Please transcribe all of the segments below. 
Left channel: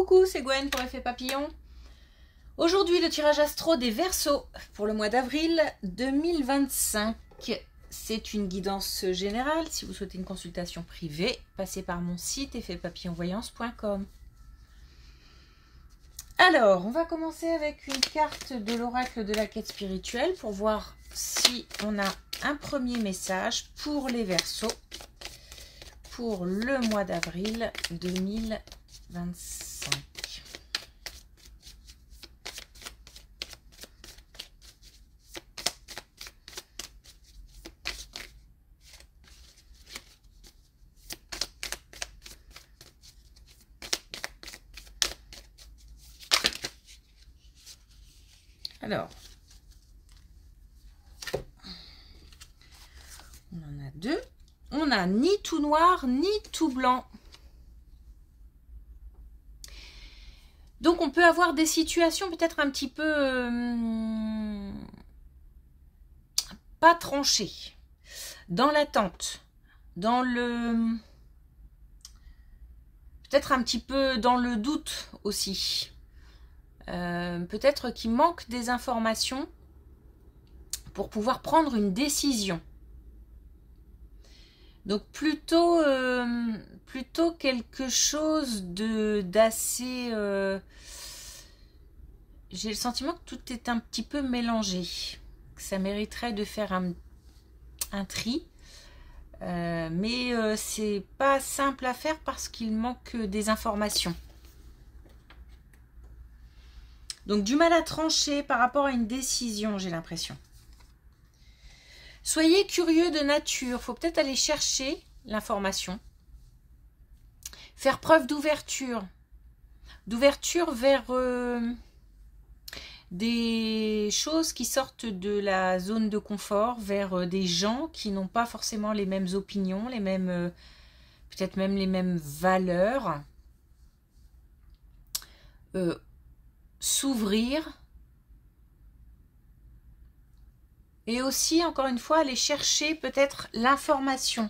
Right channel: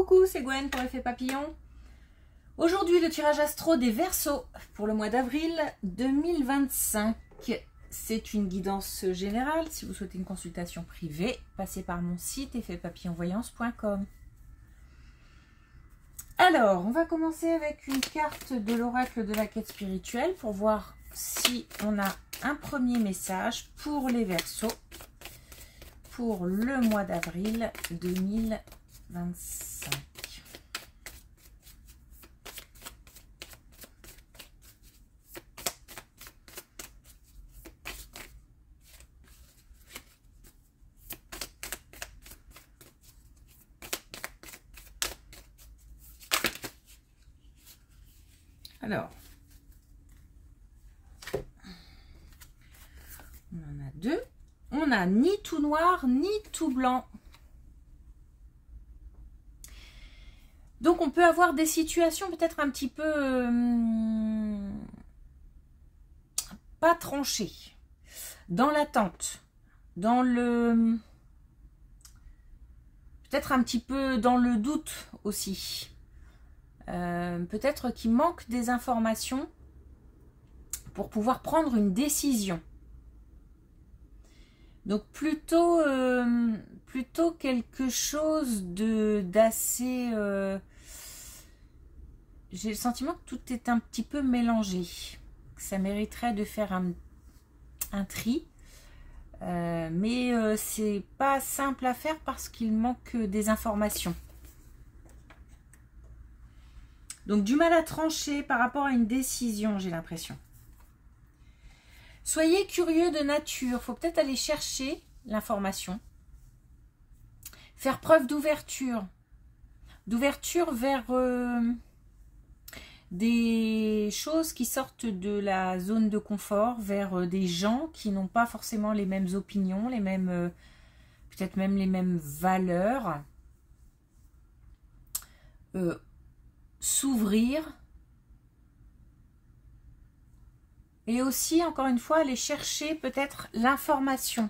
Coucou, c'est Gwen pour Effet Papillon. Aujourd'hui, le tirage astro des Verseaux pour le mois d'avril 2025. C'est une guidance générale. Si vous souhaitez une consultation privée, passez par mon site effetpapillonvoyance.com. Alors, on va commencer avec une carte de l'oracle de la quête spirituelle pour voir si on a un premier message pour les Verseaux pour le mois d'avril 2025. Alors, on en a deux. On n'a ni tout noir, ni tout blanc. Donc, on peut avoir des situations peut-être un petit peu pas tranchées, dans l'attente, dans le... peut-être un petit peu dans le doute aussi. Peut-être qu'il manque des informations pour pouvoir prendre une décision. Donc plutôt quelque chose d'assez... j'ai le sentiment que tout est un petit peu mélangé. Ça mériterait de faire un tri. Mais c'est pas simple à faire parce qu'il manque des informations. Donc du mal à trancher par rapport à une décision, j'ai l'impression. Soyez curieux de nature, il faut peut-être aller chercher l'information. Faire preuve d'ouverture. D'ouverture vers des choses qui sortent de la zone de confort, vers des gens qui n'ont pas forcément les mêmes opinions, les mêmes, peut-être même les mêmes valeurs. S'ouvrir et aussi, encore une fois, aller chercher peut-être l'information.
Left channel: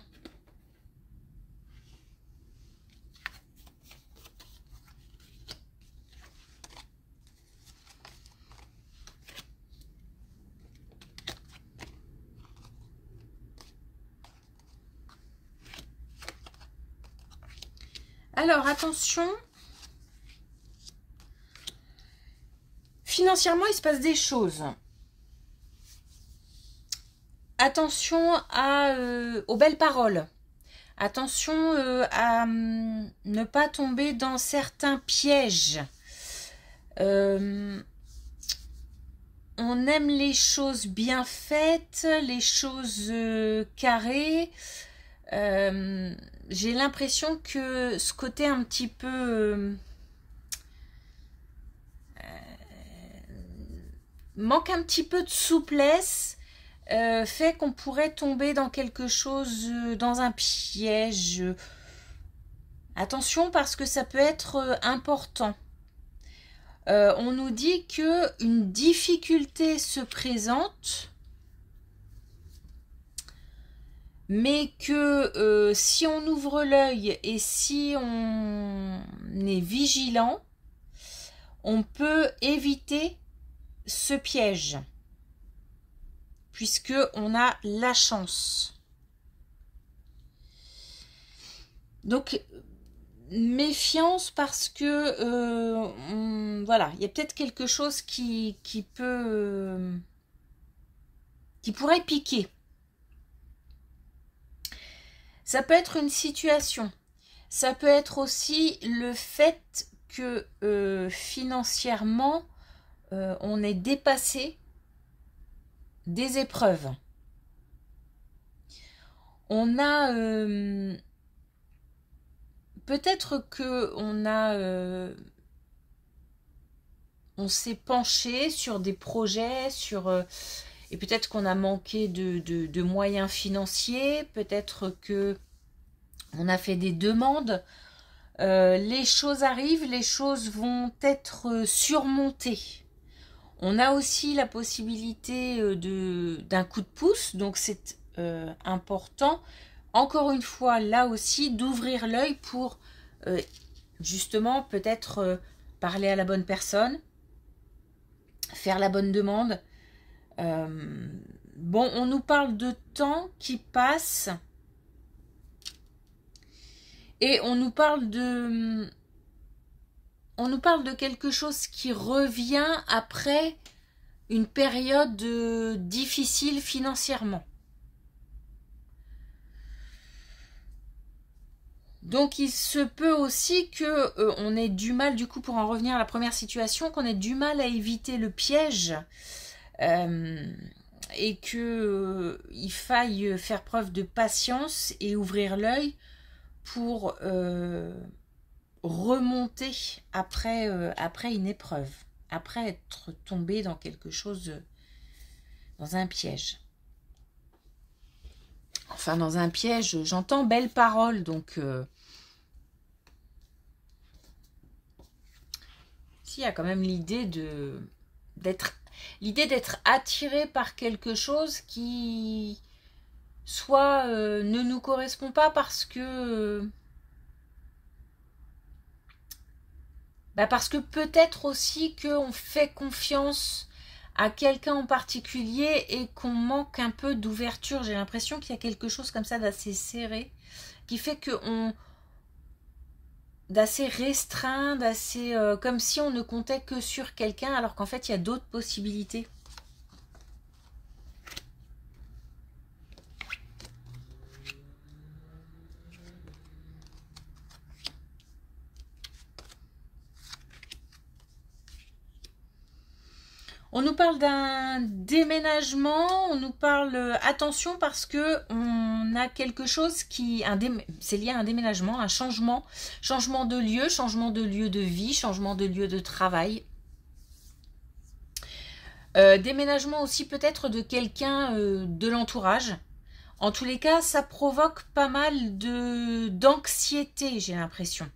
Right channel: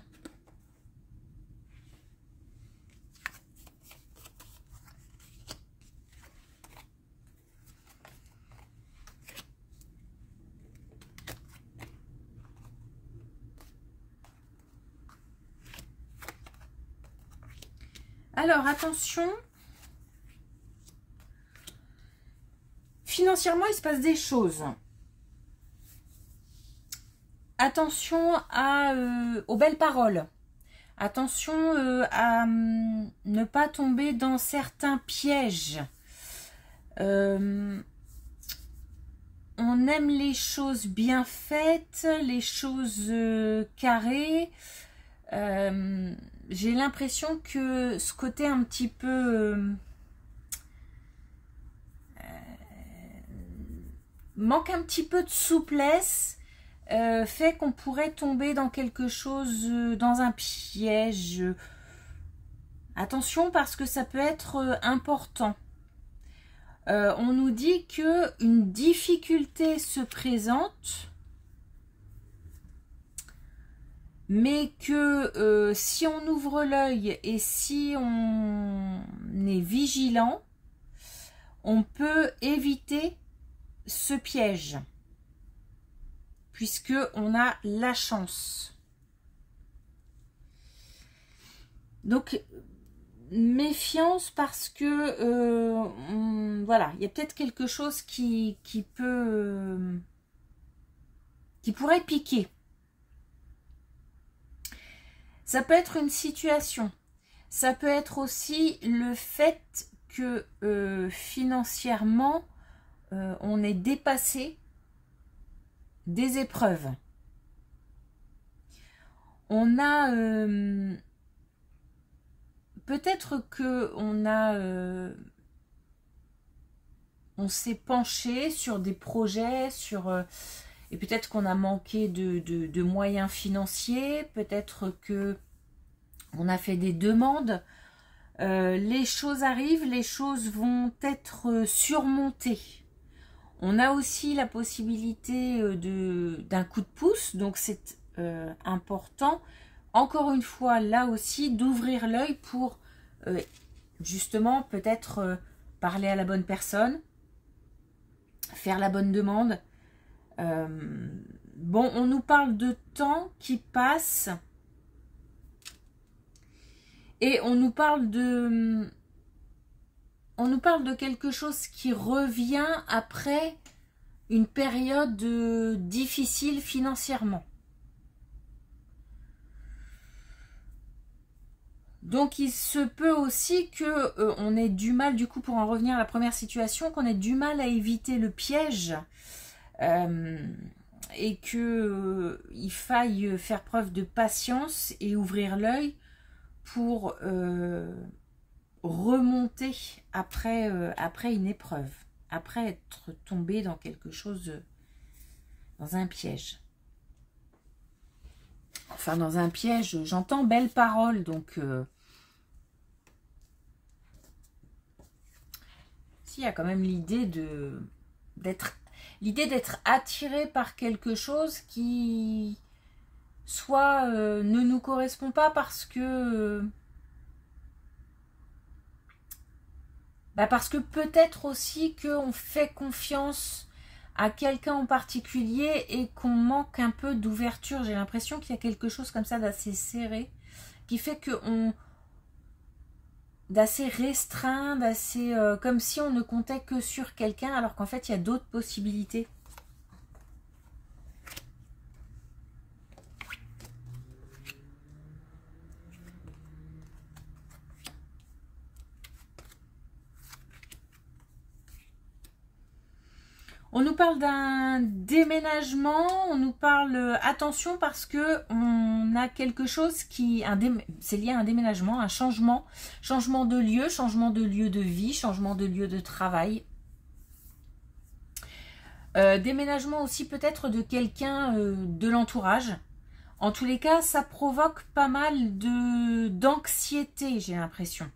Alors, attention. Financièrement, il se passe des choses. Attention aux belles paroles. Attention à ne pas tomber dans certains pièges. On aime les choses bien faites, les choses carrées. J'ai l'impression que ce côté un petit peu... manque un petit peu de souplesse, fait qu'on pourrait tomber dans quelque chose, dans un piège. Attention parce que ça peut être important. On nous dit que une difficulté se présente, mais que si on ouvre l'œil et si on est vigilant, on peut éviter ce piège, puisque on a la chance. Donc méfiance parce que voilà, il y a peut-être quelque chose qui pourrait piquer. Ça peut être une situation, ça peut être aussi le fait que financièrement on est dépassé des épreuves. On a peut-être que on s'est penché sur des projets, et peut-être qu'on a manqué de moyens financiers, peut-être que on a fait des demandes. Les choses arrivent, les choses vont être surmontées. On a aussi la possibilité d'un coup de pouce, donc c'est important, encore une fois, là aussi, d'ouvrir l'œil pour justement, peut-être parler à la bonne personne, faire la bonne demande. Bon, on nous parle de temps qui passe et on nous parle de quelque chose qui revient après une période difficile financièrement. Donc il se peut aussi que on ait du mal, du coup, pour en revenir à la première situation, qu'on ait du mal à éviter le piège et que il faille faire preuve de patience et ouvrir l'œil pour remonter après une épreuve, après être tombé dans quelque chose, dans un piège. Enfin, dans un piège, j'entends belle parole, donc s'il y a quand même l'idée d'être attiré par quelque chose qui soit ne nous correspond pas parce que peut-être aussi qu'on fait confiance à quelqu'un en particulier et qu'on manque un peu d'ouverture. J'ai l'impression qu'il y a quelque chose comme ça d'assez serré, qui fait d'assez restreint, d'assez comme si on ne comptait que sur quelqu'un, alors qu'en fait il y a d'autres possibilités. On nous parle d'un déménagement, on nous parle, attention parce que on a quelque chose qui, c'est lié à un déménagement, un changement de lieu de vie, changement de lieu de travail. Déménagement aussi peut-être de quelqu'un de l'entourage. En tous les cas, ça provoque pas mal d'anxiété, j'ai l'impression,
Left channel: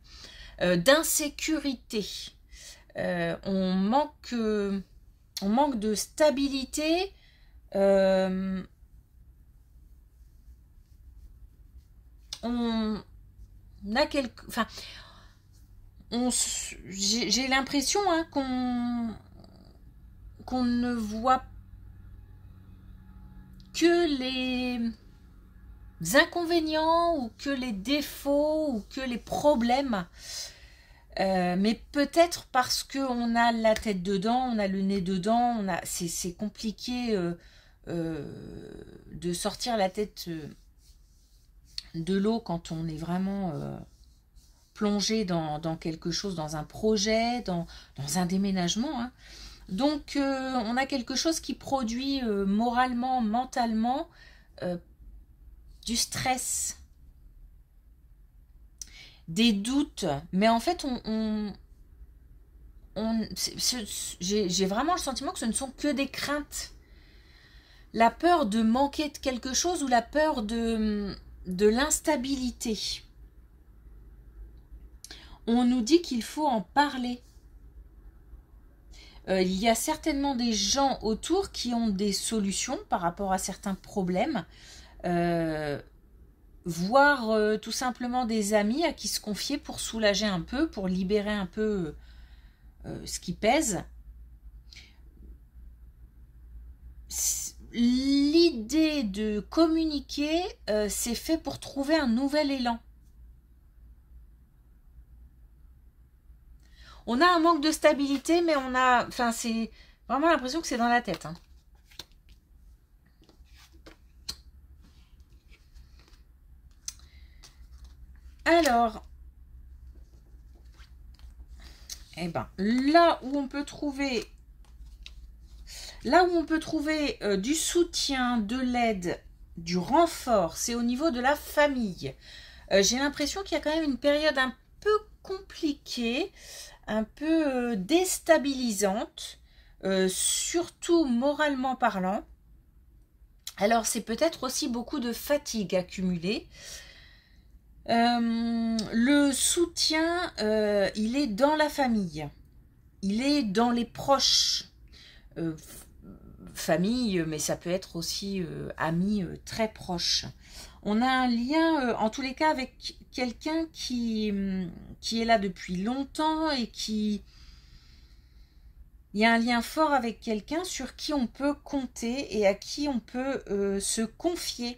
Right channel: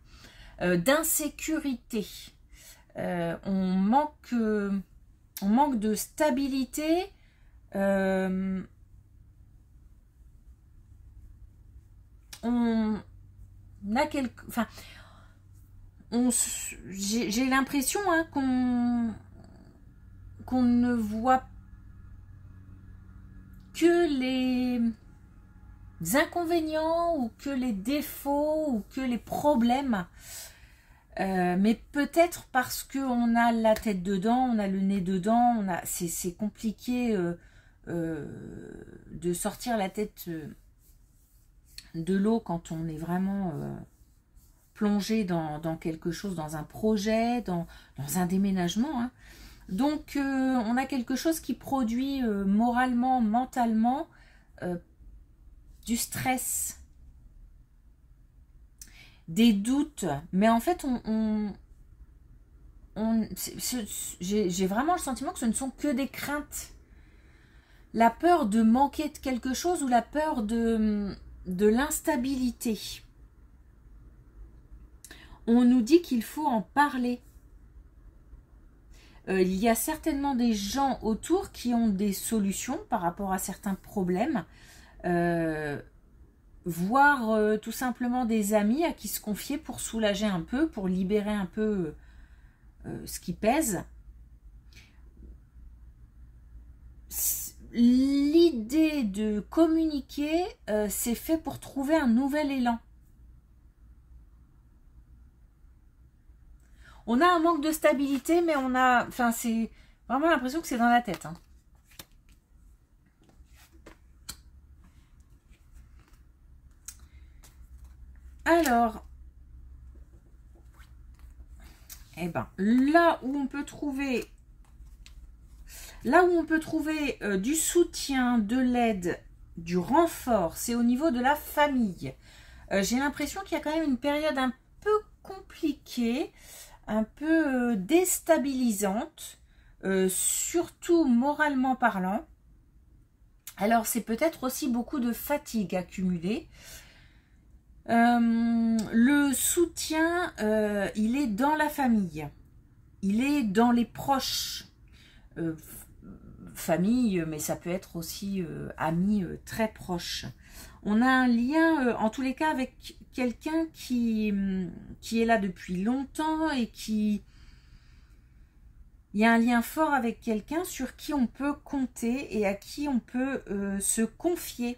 d'insécurité. On manque de stabilité. On a j'ai l'impression qu'on ne voit que les inconvénients ou que les défauts ou que les problèmes. Mais peut-être parce qu'on a la tête dedans, on a le nez dedans, c'est compliqué de sortir la tête de l'eau quand on est vraiment plongé dans quelque chose, dans un projet, dans un déménagement. Hein. Donc on a quelque chose qui produit moralement, mentalement du stress, des doutes, mais en fait j'ai vraiment le sentiment que ce ne sont que des craintes. La peur de manquer de quelque chose ou la peur de l'instabilité. On nous dit qu'il faut en parler. Il y a certainement des gens autour qui ont des solutions par rapport à certains problèmes. Voire tout simplement des amis à qui se confier pour soulager un peu, pour libérer un peu ce qui pèse. L'idée de communiquer, c'est fait pour trouver un nouvel élan. On a un manque de stabilité, mais c'est vraiment l'impression que c'est dans la tête. Hein. Alors, eh ben, là où on peut trouver du soutien, de l'aide, du renfort, c'est au niveau de la famille. J'ai l'impression qu'il y a quand même une période un peu compliquée, un peu déstabilisante, surtout moralement parlant. Alors, c'est peut-être aussi beaucoup de fatigue accumulée. Le soutien, il est dans la famille, il est dans les proches, famille, mais ça peut être aussi amis très proches. On a un lien, en tous les cas, quelqu'un qui est là depuis longtemps et qui... Il y a un lien fort avec quelqu'un sur qui on peut compter et à qui on peut se confier.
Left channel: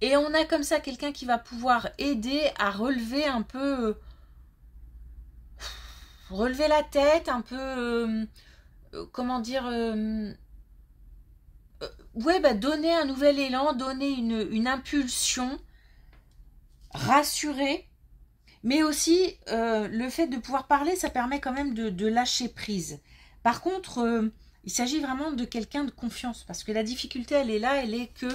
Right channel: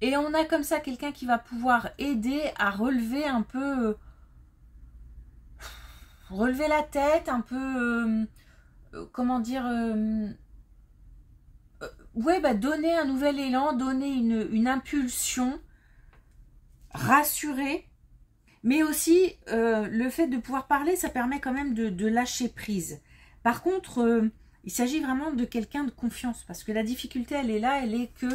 Et on a comme ça quelqu'un qui va pouvoir aider à relever un peu... relever la tête, un peu... comment dire... ouais, bah, donner un nouvel élan, donner une impulsion, rassurer. Mais aussi, le fait de pouvoir parler, ça permet quand même de lâcher prise. Par contre, il s'agit vraiment de quelqu'un de confiance. Parce que la difficulté, elle est là, elle est que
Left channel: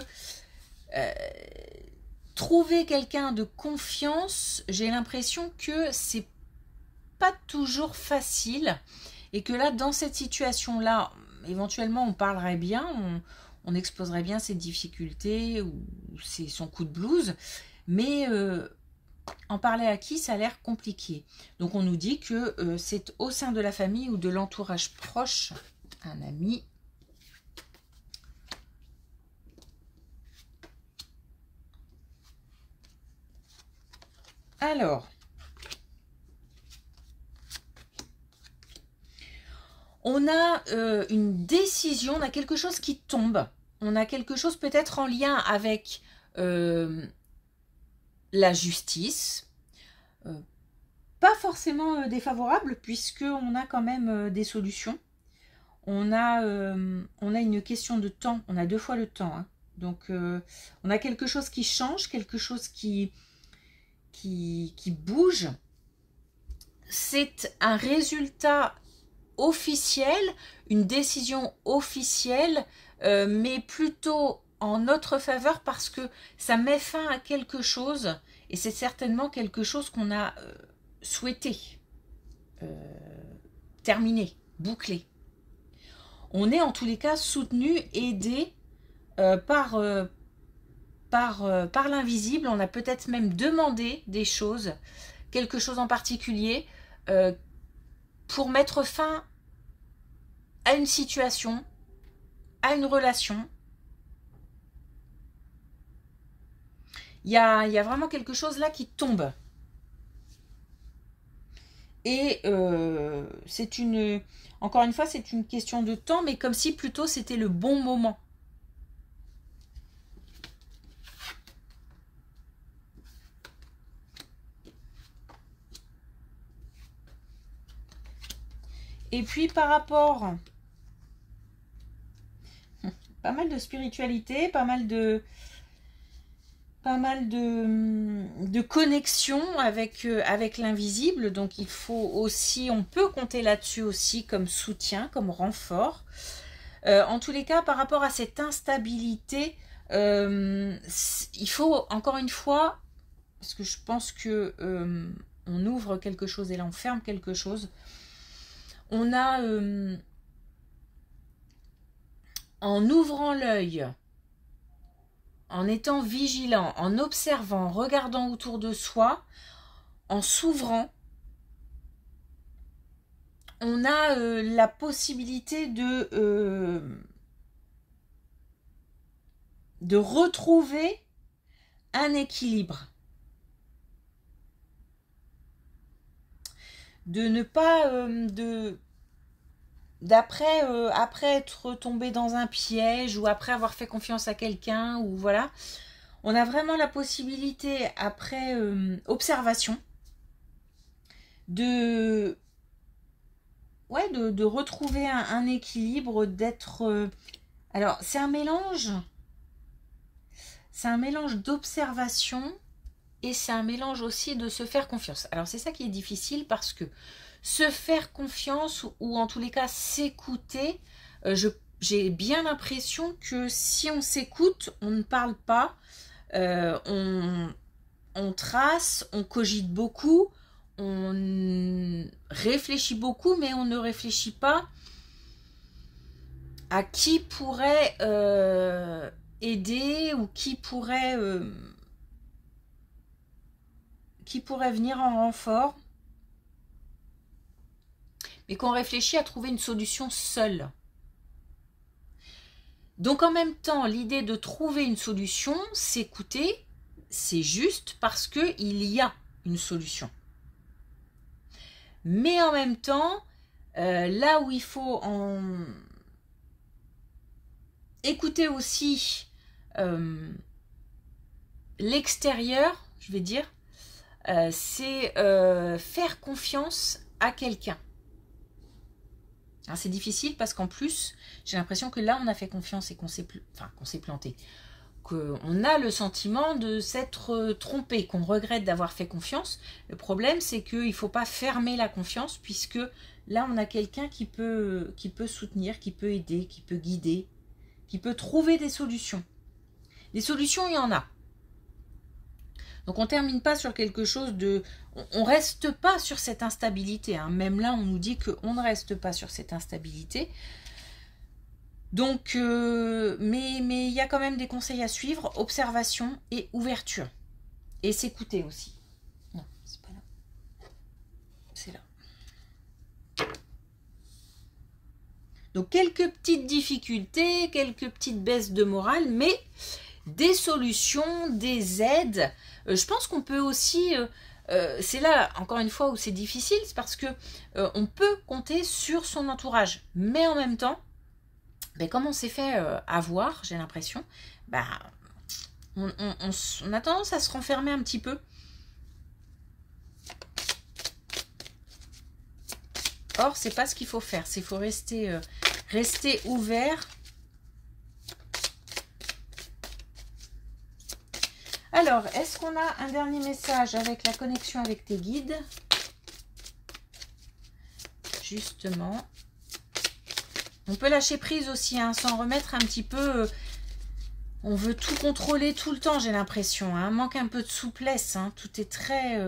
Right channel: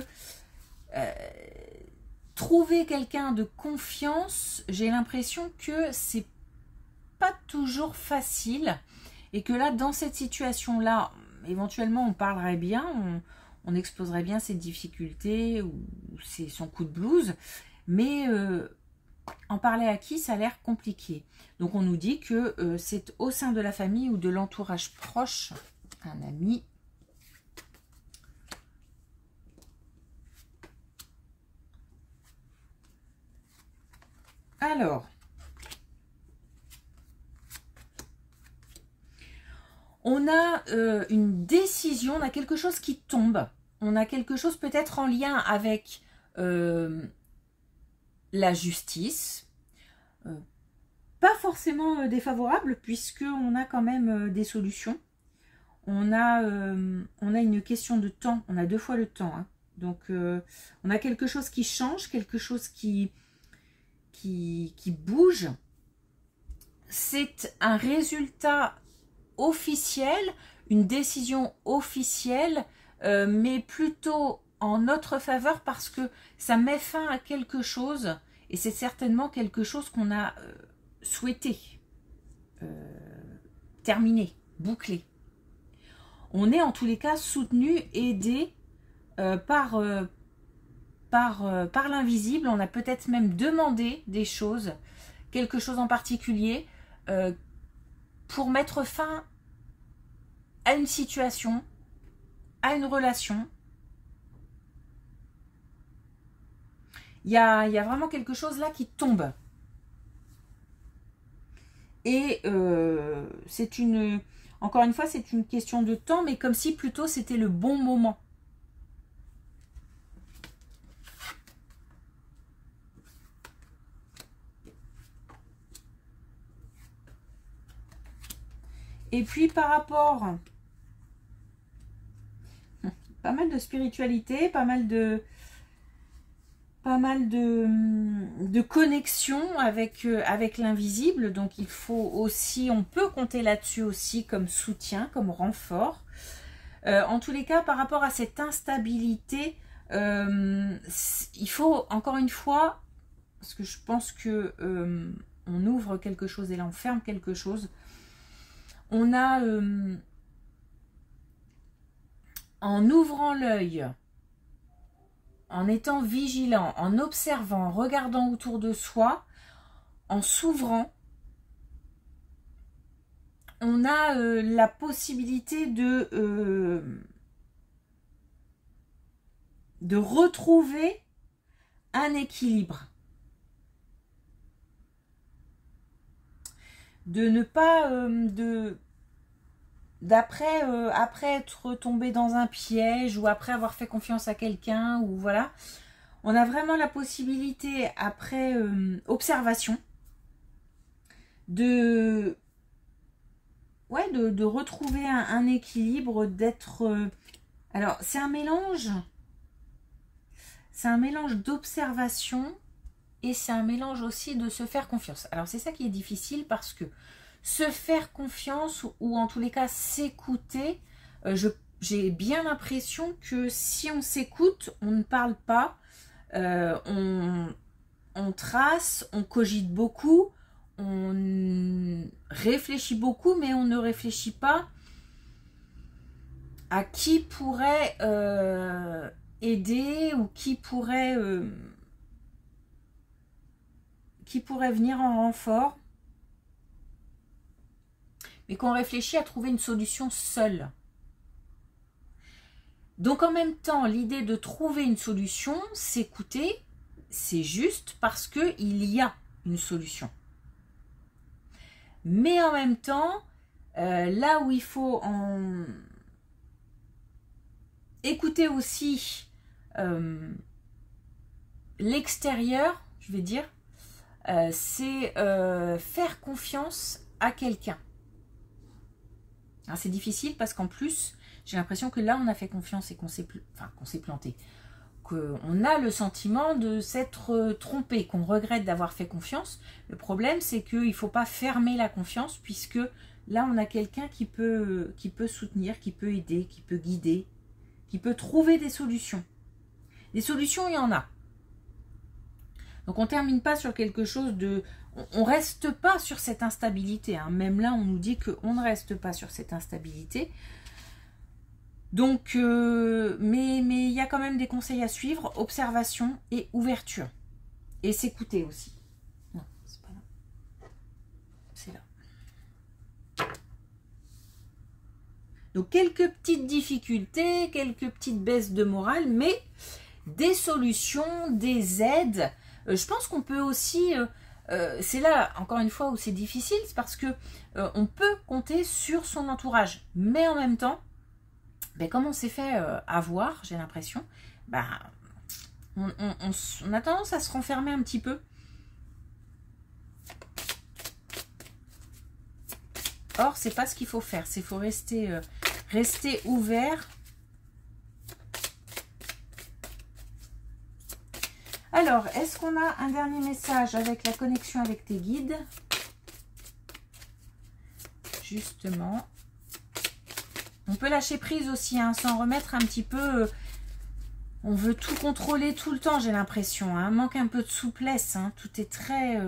trouver quelqu'un de confiance, j'ai l'impression que c'est pas toujours facile. Et que là, dans cette situation-là, éventuellement, on parlerait bien, on exposerait bien ses difficultés ou son coup de blues. Mais... en parler à qui, ça a l'air compliqué. Donc on nous dit que c'est au sein de la famille ou de l'entourage proche, un ami. Alors, on a une décision, on a quelque chose qui tombe. On a quelque chose peut-être en lien avec... la justice, pas forcément défavorable puisqu'on a quand même des solutions. On a une question de temps, on a 2 fois le temps. Hein. Donc on a quelque chose qui change, quelque chose qui bouge. C'est un résultat officiel, une décision officielle, mais plutôt en notre faveur parce que ça met fin à quelque chose et c'est certainement quelque chose qu'on a souhaité terminer, boucler. On est en tous les cas soutenu, aidé par l'invisible. On a peut-être même demandé des choses, quelque chose en particulier pour mettre fin à une situation, à une relation. Il y a vraiment quelque chose là qui tombe. Et encore une fois, c'est une question de temps, mais comme si plutôt c'était le bon moment. Et puis par rapport... pas mal de spiritualité, pas mal de connexion avec l'invisible. Donc il faut aussi, on peut compter là-dessus aussi comme soutien, comme renfort. En tous les cas, par rapport à cette instabilité, il faut encore une fois, parce que je pense que on ouvre quelque chose et là on ferme quelque chose. On a en ouvrant l'œil, en étant vigilant, en observant, en regardant autour de soi, en s'ouvrant, on a la possibilité de retrouver un équilibre. De ne pas... après être tombé dans un piège ou après avoir fait confiance à quelqu'un ou voilà, on a vraiment la possibilité après observation de retrouver un équilibre, d'être alors c'est un mélange d'observation et c'est un mélange aussi de se faire confiance. Alors c'est ça qui est difficile parce que se faire confiance ou en tous les cas s'écouter, j'ai bien l'impression que si on s'écoute, on ne parle pas, on trace, on cogite beaucoup, on réfléchit beaucoup, mais on ne réfléchit pas à qui pourrait aider ou qui pourrait venir en renfort. Mais qu'on réfléchit à trouver une solution seule. Donc en même temps, l'idée de trouver une solution, s'écouter, c'est juste parce qu'il y a une solution. Mais en même temps, là où il faut écouter aussi l'extérieur, je vais dire, c'est faire confiance à quelqu'un. C'est difficile parce qu'en plus, j'ai l'impression que là, on a fait confiance et qu'on s'est planté. Qu'on a le sentiment de s'être trompé, qu'on regrette d'avoir fait confiance. Le problème, c'est qu'il ne faut pas fermer la confiance, puisque là, on a quelqu'un qui peut soutenir, qui peut aider, qui peut guider, qui peut trouver des solutions. Des solutions, il y en a. Donc, on ne termine pas sur quelque chose de... On ne reste pas sur cette instabilité. Hein. Même là, on nous dit qu'on ne reste pas sur cette instabilité. Donc, mais il y a quand même des conseils à suivre, observation et ouverture. Et s'écouter aussi. Non, c'est pas là. C'est là. Donc, quelques petites difficultés, quelques petites baisses de morale, mais des solutions, des aides. Je pense qu'on peut aussi... c'est là, encore une fois, où c'est difficile, c'est parce que on peut compter sur son entourage. Mais en même temps, comme on s'est fait avoir, j'ai l'impression, on a tendance à se renfermer un petit peu. Or, c'est pas ce qu'il faut faire. Il faut rester ouvert. Alors, est-ce qu'on a un dernier message avec la connexion avec tes guides? Justement. On peut lâcher prise aussi, hein, s'en remettre un petit peu. On veut tout contrôler tout le temps, j'ai l'impression. Hein, manque un peu de souplesse. Hein, tout est très...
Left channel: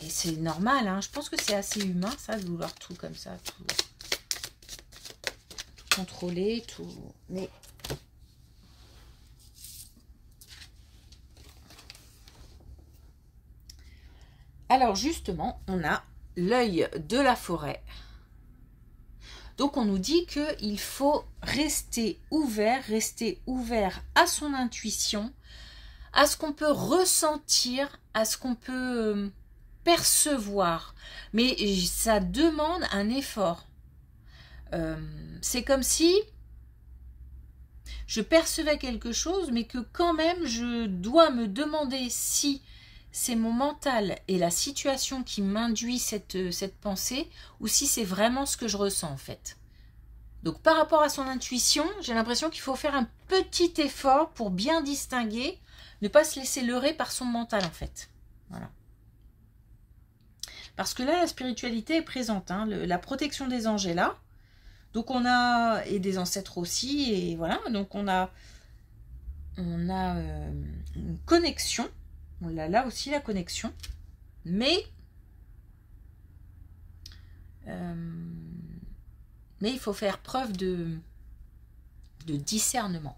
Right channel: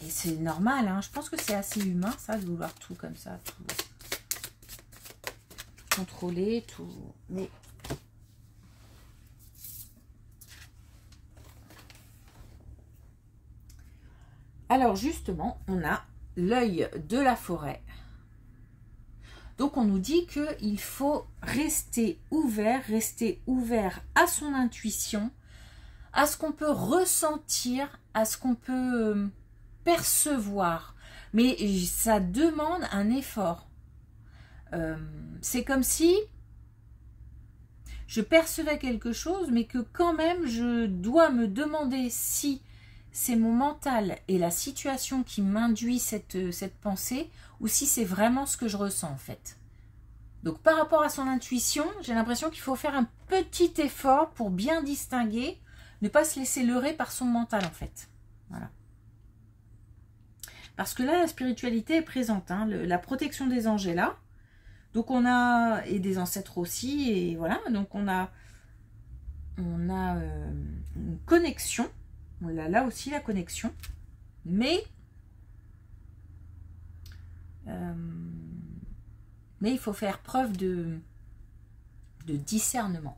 Et c'est normal. Hein, je pense que c'est assez humain, ça, de vouloir tout comme ça. Tout contrôler, tout... Mais... Alors, justement, on a l'œil de la forêt. Donc, on nous dit qu'il faut rester ouvert à son intuition, à ce qu'on peut ressentir, à ce qu'on peut percevoir. Mais ça demande un effort. C'est comme si je percevais quelque chose, mais que quand même, je dois me demander si c'est mon mental et la situation qui m'induit cette pensée, ou si c'est vraiment ce que je ressens en fait. Donc par rapport à son intuition, j'ai l'impression qu'il faut faire un petit effort pour bien distinguer, ne pas se laisser leurrer par son mental en fait. Voilà. Parce que là, la spiritualité est présente, hein, la protection des anges est là. Donc on a, et des ancêtres aussi, et voilà, donc on a une connexion. On a là aussi la connexion, mais il faut faire preuve de discernement.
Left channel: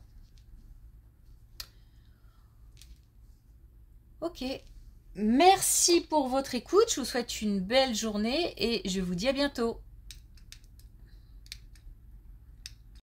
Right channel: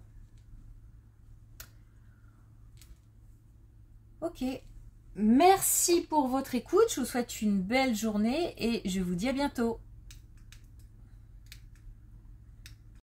Ok, merci pour votre écoute, je vous souhaite une belle journée et je vous dis à bientôt.